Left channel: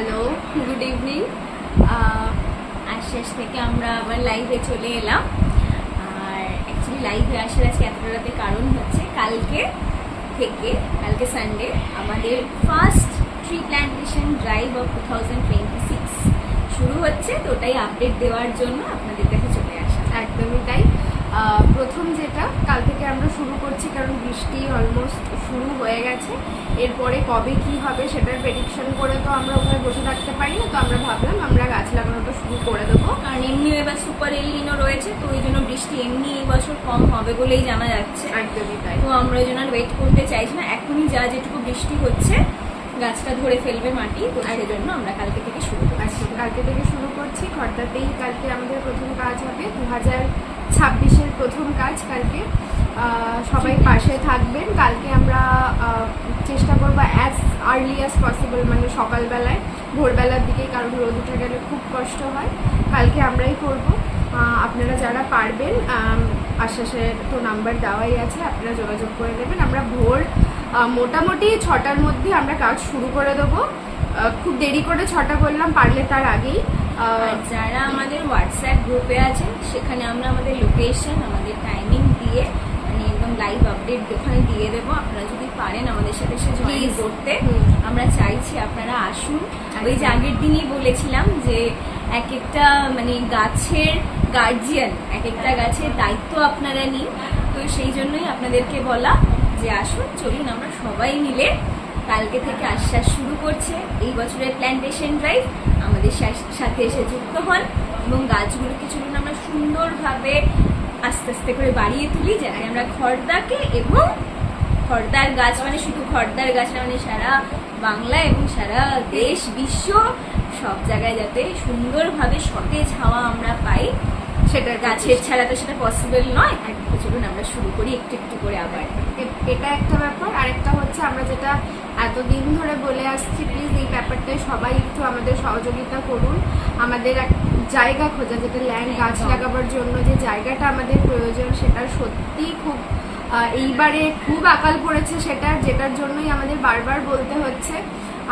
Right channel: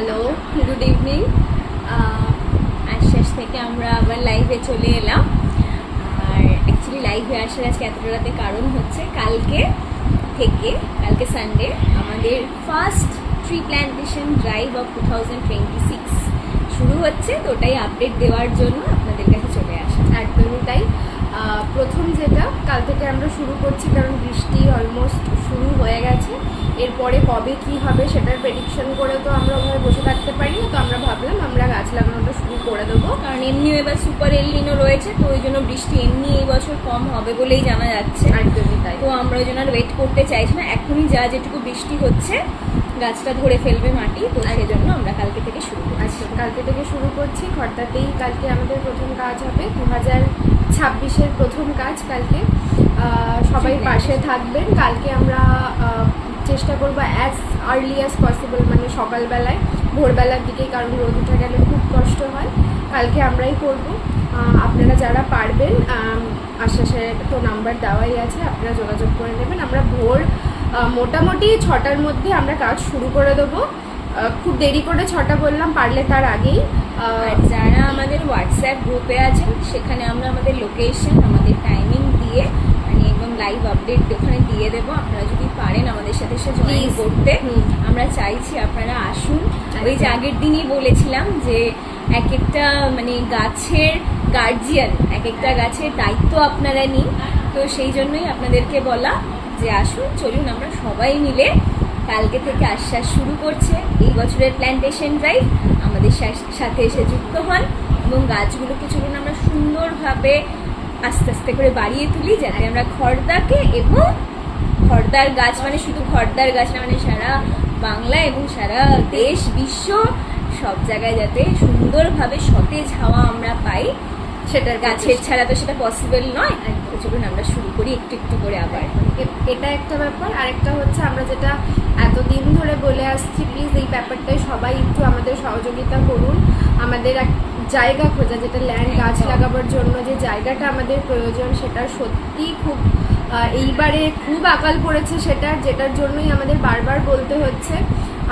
Hello, good evening. আশ্বাস থেকে আমরা আবার লাইভে চলে এলাম। আর অ্যাকচুয়ালি লাইভে আসার আজকে এতটা রাতে কারণ হচ্ছে কালকে সানডে আমাদের first tree plantation drive of 2026 শুরু হচ্ছে, তো ওটাই আপডেট দেওয়ার জন্য আপনাদের কাছে চলে আসা। একদমই তাই। প্রথম যেটা কাল থেকে আমরা শুরু করছি, কারণ বৃষ্টি অলমোস্ট শুরু হয়ে গেছে। এরপরে কবে কি হবে সেটার প্রেডিকশন করে তো আমরা ওখানে বসে থাকতে পারি না, তো আমরা ভাবলাম আমরা গাছ লাগানোটা শুরু করে দেবো। কারণ এমনিও এবার সুপার এলনিনো রয়েছে, তো ওই জন্য বৃষ্টি এমনি এই বছর কম হবে বলেই জানা যাচ্ছে। একদমই তাই। তো আমরা ওই জন্য ওয়েট করতে চাইছি না, এখনই যেটুকু বৃষ্টি হচ্ছে গাছটা ধরে ফেলবে মাটি, তো সেই জন্য আমরা কালকে থেকে শুরু করছি। কালকে থেকে শুরু করছি। খড়দাতেই কালকে আমাদের প্রথম কাজ হবে, 2026-এর প্রথম কাজ কালকে। সবাই পাশে থাকবেন। কালকে আমরা চেষ্টা করবো অ্যাজ আর্লি অ্যাজ পসিবল, মানে সকালবেলায়, ভোরবেলার দিকে, কারণ রোদ উঠে গেলে খুব কষ্ট হয়। কালকে আমরাই করব। আপনারা যারা পারবেন, আশ্বাসের তো নাম্বার দেওয়াই আছে, আপনারা যোগাযোগ করে নেবেন। আমরা ভোর মোটামুটি 6টার মধ্যে আমরা কাজ শুরু করে দেবো। খুব দেরি করে 6টা বললাম, পারলে তার আগেই। যারা আমাদের হোয়াটসঅ্যাপ গ্রুপে আছেন সেখানে আমরা আমাদের লোকেশন, আমাদের টাইমিং দিয়ে মানে একদম লাইভ আপডেট ওখানে দিয়ে দেবো। আপনারা যদি পারেন আমাদের সাথে জয়েন করতে, আমরা চাইছি আপনারা আসুন। ওই যে আগের দিনই বলেছিলাম যে এক একটা মানে গাছের গার্জিয়ান, এক একটা গাছের দায়িত্ব আপনারা নিন, তো সেই জন্যই আপনাদেরকে বলা যে আসুন, চলুন আমরা সবাই মিলে কালকে থেকে আশ্বাস শুরু করছে এই বছরের প্ল্যান্টেশন ড্রাইভ। আমাদের সাথে এসে যুক্ত হন এবং গাছগুলোকে চলুন আমরা সুন্দরভাবে আস্তে আস্তে করে বাড়িয়ে তুলি, যাতে আমরা খড়দাকে এবং খড়দার গাছ মানে শুধু খড়দার গাছ না, মানে সারা বাংলা এবং সারা দেশ বিশ্ব সব জায়গায় যাতে সুন্দরভাবে সতেজ হাওয়া আমরা পাই, সেটার গাছের ছাড়া তো সেটা পসিবল নয়। তো চলুন আমরা শুরু করি একটু একটু করে আবার। এটা একটা ব্যাপার। আরেকটা হচ্ছে আমরা যেটা এতদিন ধরে বলে আসছি, প্লিজ এই ব্যাপারটাই সবাই একটু আমাদের সহযোগিতা করুন। আমাদের এক জায়গা খোঁজা, যেটা ল্যান্ড, গাছ লাগাবার জন্য যে জায়গাটা আমাদের প্রয়োজন, সেটা সত্যি খুব এইবারে খুব আকাল পড়েছে সেটার, যেটার জন্যই আমাদের বারবার বলতে হচ্ছে।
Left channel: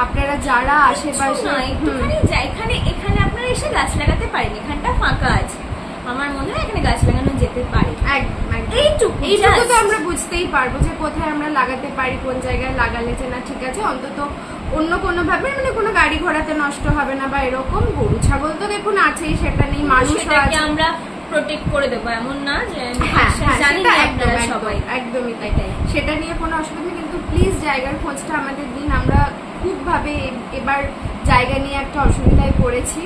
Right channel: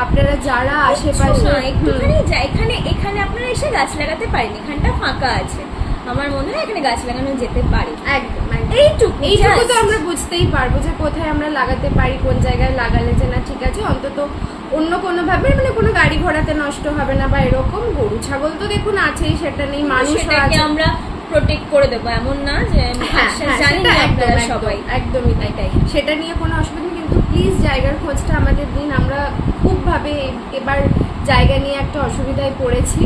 আপনারা যারা আশেপাশে এখানে আপনারা এসে গাছ লাগাতে পারেন, এখানটা ফাঁকা আছে, আমার মনে হয় এখানে গাছ লাগানো যেতে পারে। একদম এইটুকু তো আমরা বুঝতেই পারবো যে কোথায় আমরা লাগাতে পারি, কোন জায়গায় লাগালে যে না ঠিক আছে, অন্তত অন্য কোনো ভাবে, মানে কোনো গাড়ি ঘোড়াতে নষ্ট হবে না বা এরকম। গরু ছাগল তো দেখুন আছেই, সেটা নেই, মানুষ আমরা প্রোটেক্ট করে দেবো এমন না যে একদমই তাই, সেটা নিয়ে কোনো অসুবিধা নেই। কিন্তু প্লিজ জায়গার খোঁজটা আমাদের দিন। আমরা খুব ভাবে এবার জায়গা নিয়ে একটা অসুবিধায় পড়েছি।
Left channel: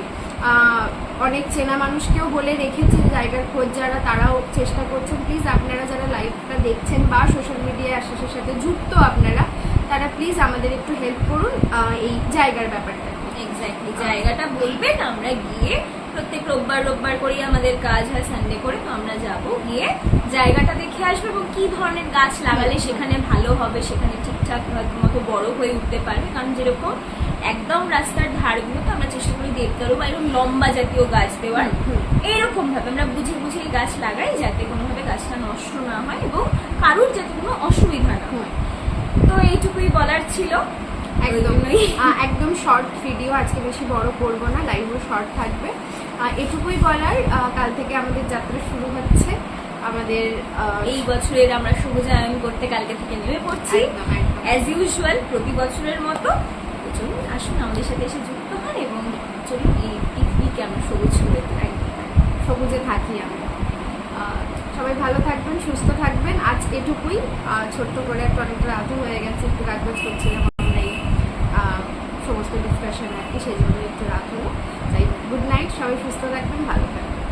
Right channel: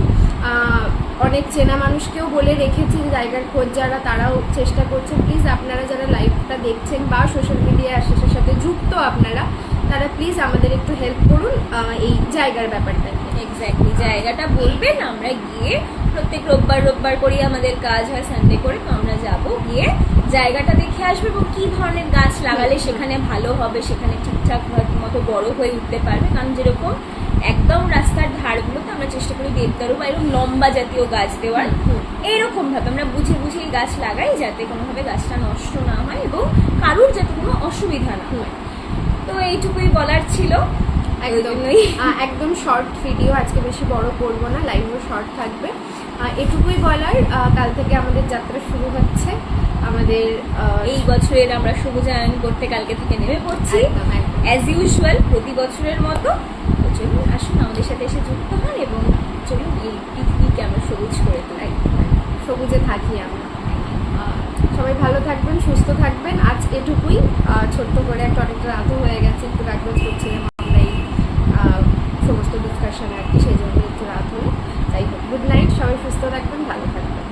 অনেক চেনা মানুষকেও বলে রেখেছি যে জায়গার খোঁজ যারা, তারাও চেষ্টা করছে। প্লিজ আপনারা যারা লাইভটা দেখছেন বা সোশ্যাল মিডিয়ায় আশ্বাসের সাথে যুক্ত আপনারা, তারা প্লিজ আমাদের একটু হেল্প করুন এই জায়গার ব্যাপারটা। এক্স্যাক্টলি, জায়গাটা বলবেন, আমরা গিয়ে প্রত্যেক রোববার করি আমাদের কাজ হয়, সানডে করে, তো আমরা যাব, গিয়ে জায়গাটা দেখে আসবো এবং কি ধরনের গাছ লাগালে সেখানে ভালো হবে, সেখানে ঠিকঠাক মতো বড় হয়ে উঠতে পারবে। কারণ যেরকম একদম রাস্তার ধারগুলোতে আমরা চেষ্টা করি দেবদারু বা এরকম লম্বা জাতীয় গাছ দেওয়ার, এরকম ভাবে আমরা বুঝে গাছ লাগাই, যাতে কোনোভাবে গাছটা নষ্ট না হয় এবং কারুর যাতে কোনো অসুবিধা না হয়। তো এইটুকুই বলার ছিল। একদম শর্ট ভিডিও, আজকে বেশি বড় করবো না, লাইভও শর্ট থাকবে। এটুকুই বলার, কাল থেকে আমাদের যাত্রা শুরু হচ্ছে। আমাদের এই বছরের আমরা শুভজায়ন করতে কালকে থেকে নেমে পড়ছি অ্যাজ ইউজুয়াল, প্রতি বছরের মতো। তো চলুন আসুন আমাদের সাথে এসে যুক্ত হন এবং চলুন এই পৃথিবীকে আমরা সবুজ করে তুলি, সবুজে থাকি আমরা। সবাই ভালো থাকবেন, সুস্থ থাকবেন। আজ এটুকুই, ছোট্ট করে একটা, অনেকটা রাতও হয়ে গেছে, একটু কাজবাজ করছিলাম আমরা এই সমস্ত ডিসকাশন আর কি, সেই জন্য একটু রাত হলো। যাই হোক, গুড নাইট, সবাই সুস্থ থাকবেন, ভালো থাকবেন।